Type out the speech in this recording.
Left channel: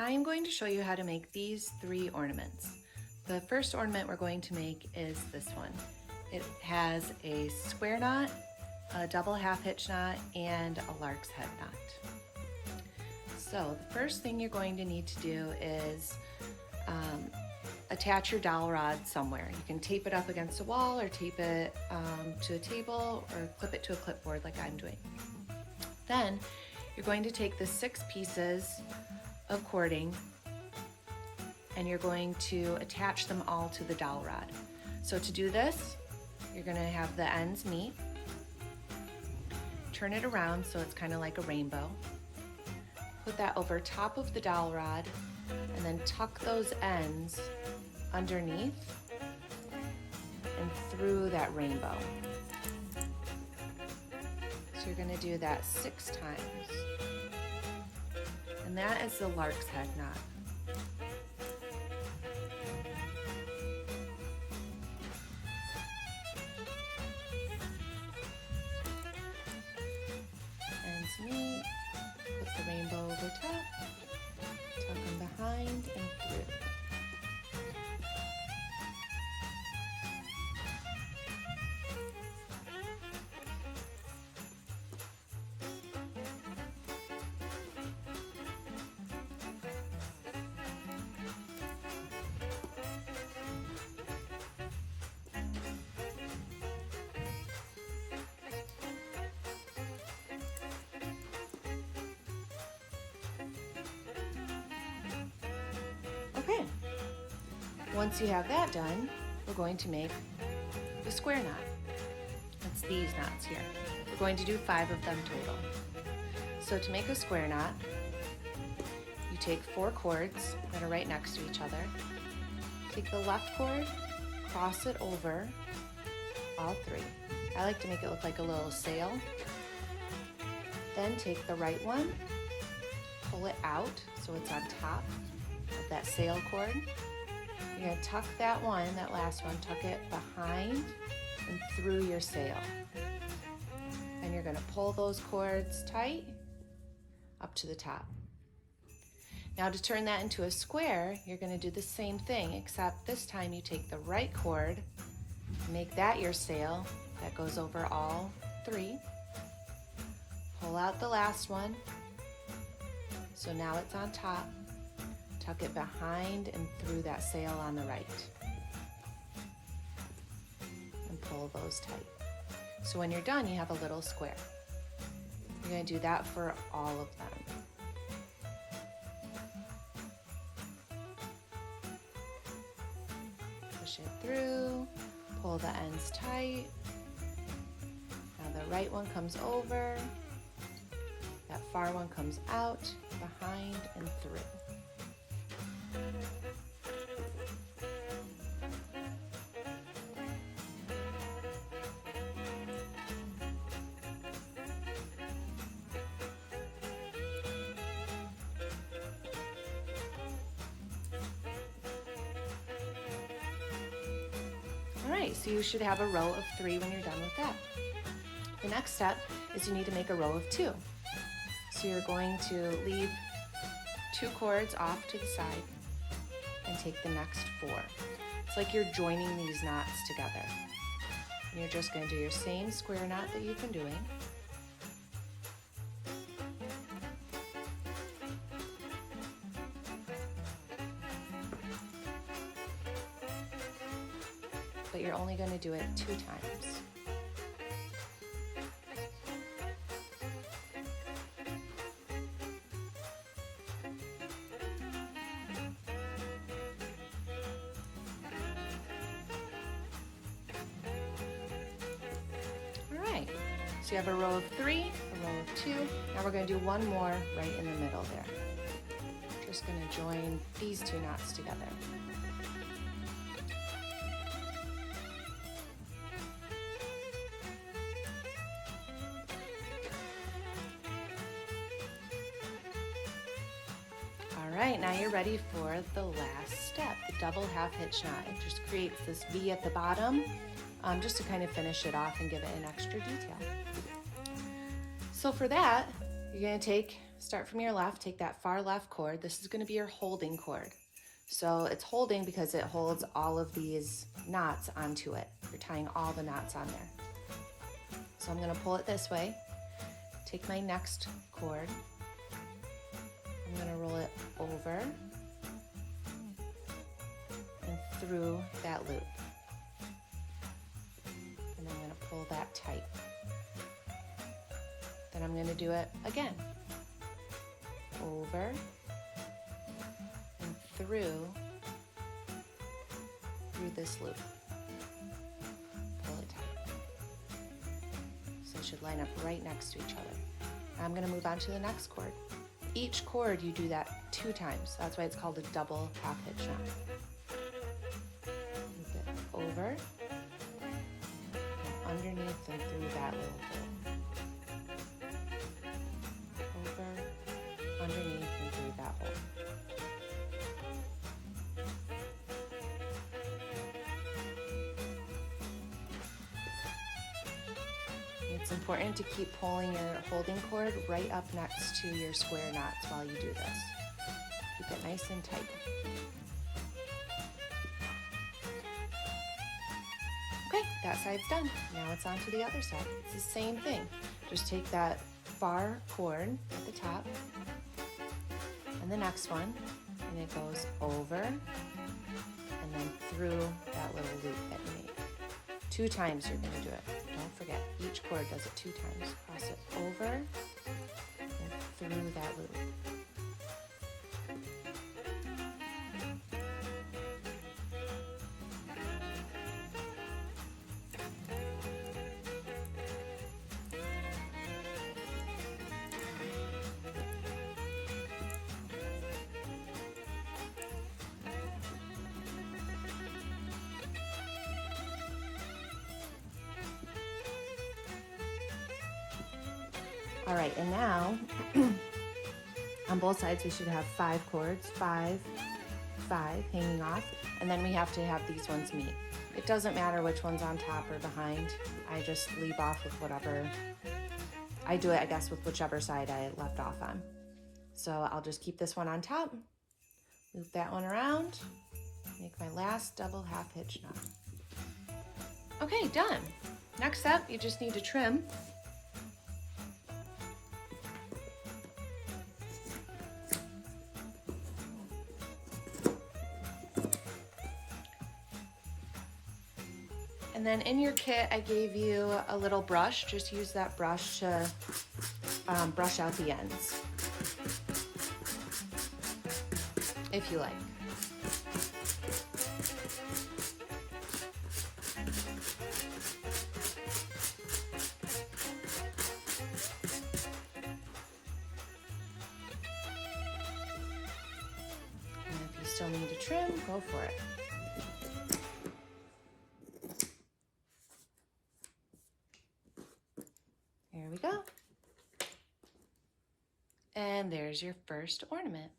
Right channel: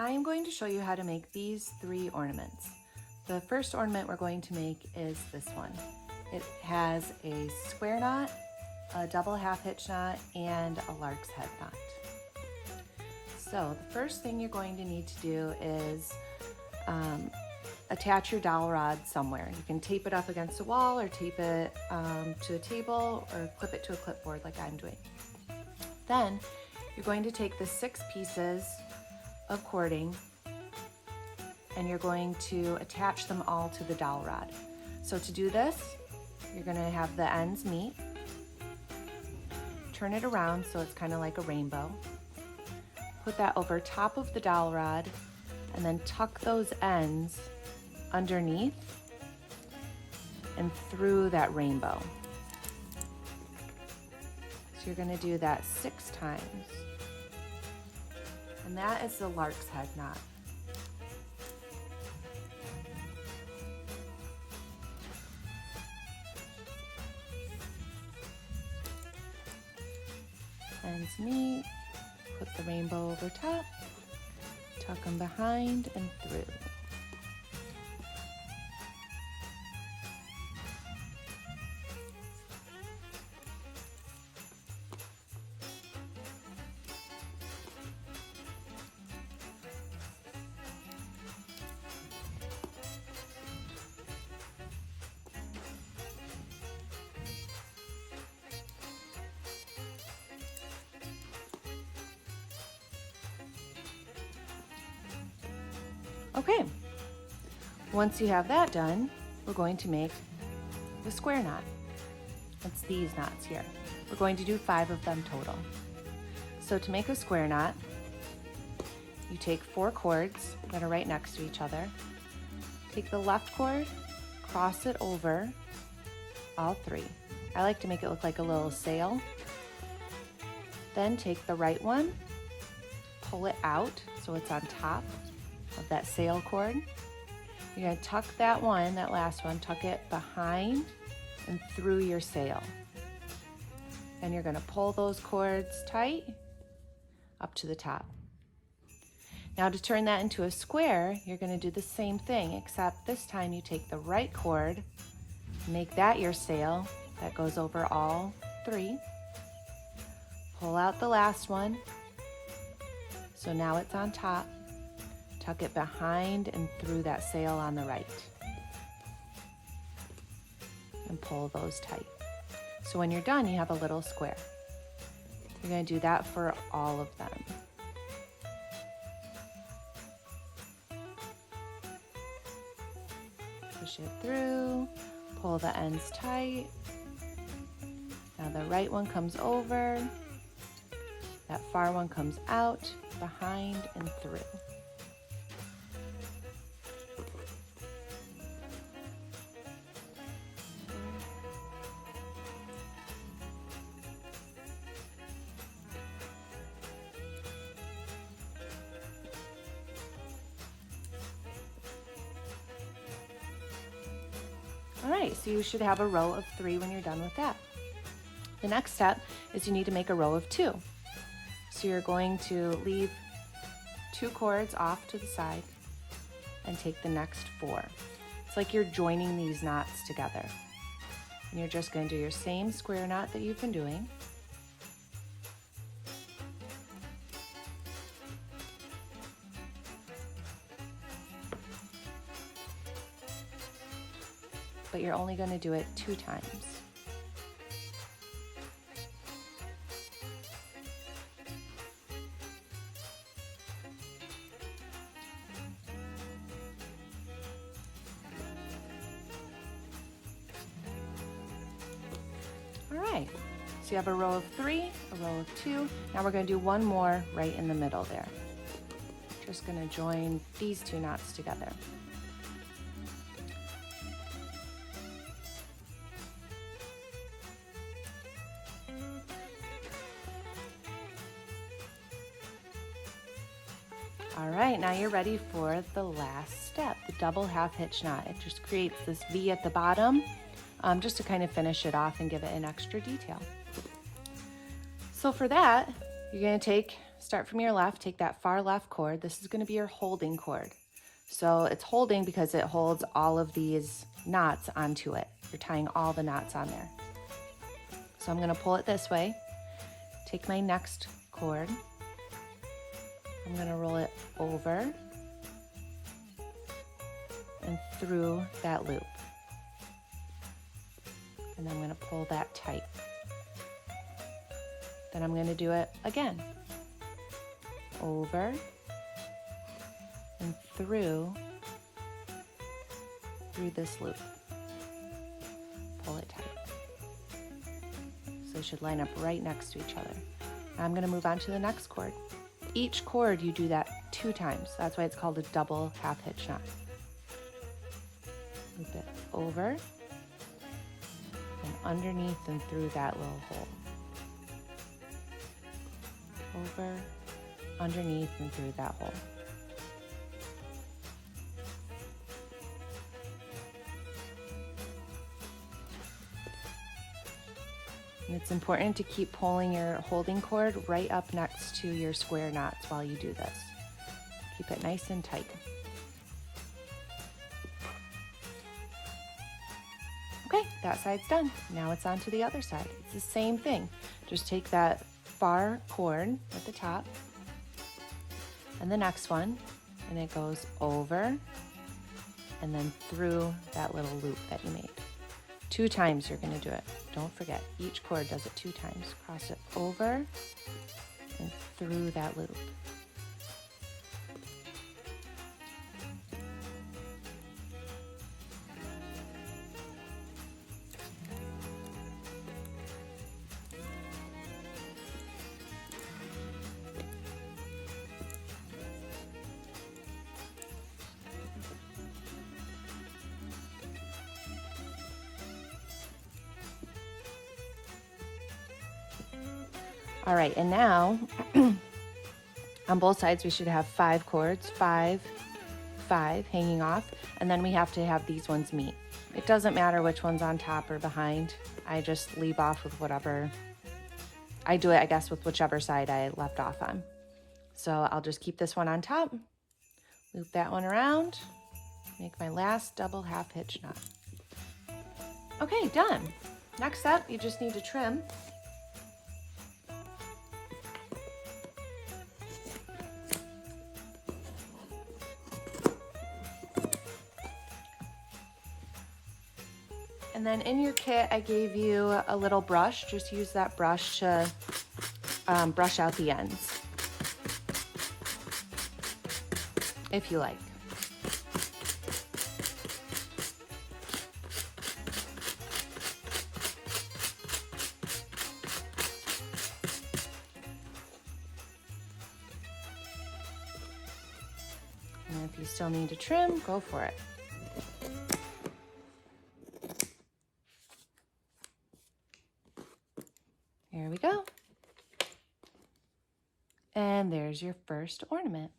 I am going to show you how to make these 3 ornaments. The first ornament we're going to make is this one. It has a square knot, a double half hitch knot, and a lark's head knot. So the first thing you're going to need to do is attach your dowel rod somewhere. You can tape it up against a wall or tape it to a table or clip it to a clipboard like I'm doing. Then you're going to take the 6 pieces of cording and you're going to attach them all to the dowel rod. So to do this, you're going to have the ends meet, turn it around so it's kind of like a rainbow, put that over top of the dowel rod, and then tuck those ends underneath and through that rainbow. So you're going to do that 6 times. And that is the lark's head knot. Ends meet, put the rainbow over top, tuck them behind and through. Okay, once you have that done, we're going to make the square knot. It's these knots here. We're going to do 5 of them total. So to make a square knot, you take 4 cords that are right next to each other. Take the left cord, cross it over all 3. I like to make it look like a little sail. Then take the right one, pull it out so it's on top of that sail cord. You're going to tuck that one, that last one, tuck it behind and through your sail. And you're going to pull those cords tight up to the top. Now to turn that into a square, you're going to do the same thing, except this time you take the right cord, make that your sail that goes over all 3. Pull out the last one, so now it's on top. Tuck it behind and through that sail on the right. And pull those tight. So when you're done, you have a little square. You're going to do that for all of them. Push it through, pull the ends tight. Now the right one comes over, that far one comes out, behind and through. All right, so you should have a row of 3 when you're done with that. The next step is you need to make a row of 2. So you're going to leave 2 cords off to the side and take the next 4. It's like you're joining these knots together. And you're just going to do your same square knot that you've been doing. But you're only going to do it 2 times. Alright, so you have a row of 3, a row of 2. Now we're going to do one more right in the middle there. Just going to join these 2 knots together. All right, now you're ready for the last step, the double half hitch knot. It just creates this V at the bottom just to kind of finish it off and give it an extra detail. So for that, you're going to take start from your left, take that far left cord. This is going to be your holding cord. So it's holding because it holds all of these knots onto it. You're tying all the knots on there. So I'm going to pull it this way. Take my next cord. I'm going to roll it over and through that loop. And then I'm going to pull that tight. Then I'm going to do it again. Over and through this loop. Pull it tight. So it should line up right next to each other. Now I'm going to move on to the next cord. Each cord you do that 2 times. That's why it's called a double half hitch knot. Loop it over and underneath and through that little hole. Over, underneath and through that hole. It's important to keep pulling your holding cord right up next to your square knots while you do this. Keep it nice and tight. Okay, that side's done. Now it's on to the other side. It's the same thing. Just take that far cord at the top and the next one, and it goes over and then through that little loop that you made. 2 times you're going to do it. Don't forget, each cord does it 2 times. Cross it over and through that loop. All right, and now on both sides we should have 5 cords, 5, 5 hanging off, and then we have to have these ones meet. It doesn't matter which one's on top or behind. I just leave off with whatever. I do it, I guess, with whichever side I left off on. So I'll just keep this one on top, loop that one around, make my last double half hitch knot. Okay, done. Next up, you just need to trim. And then in your kit, I gave you a little brush. Just use that brush to brush out the ends, if you like. And if you still need to trim, go for it. There we go. And there's your first ornament.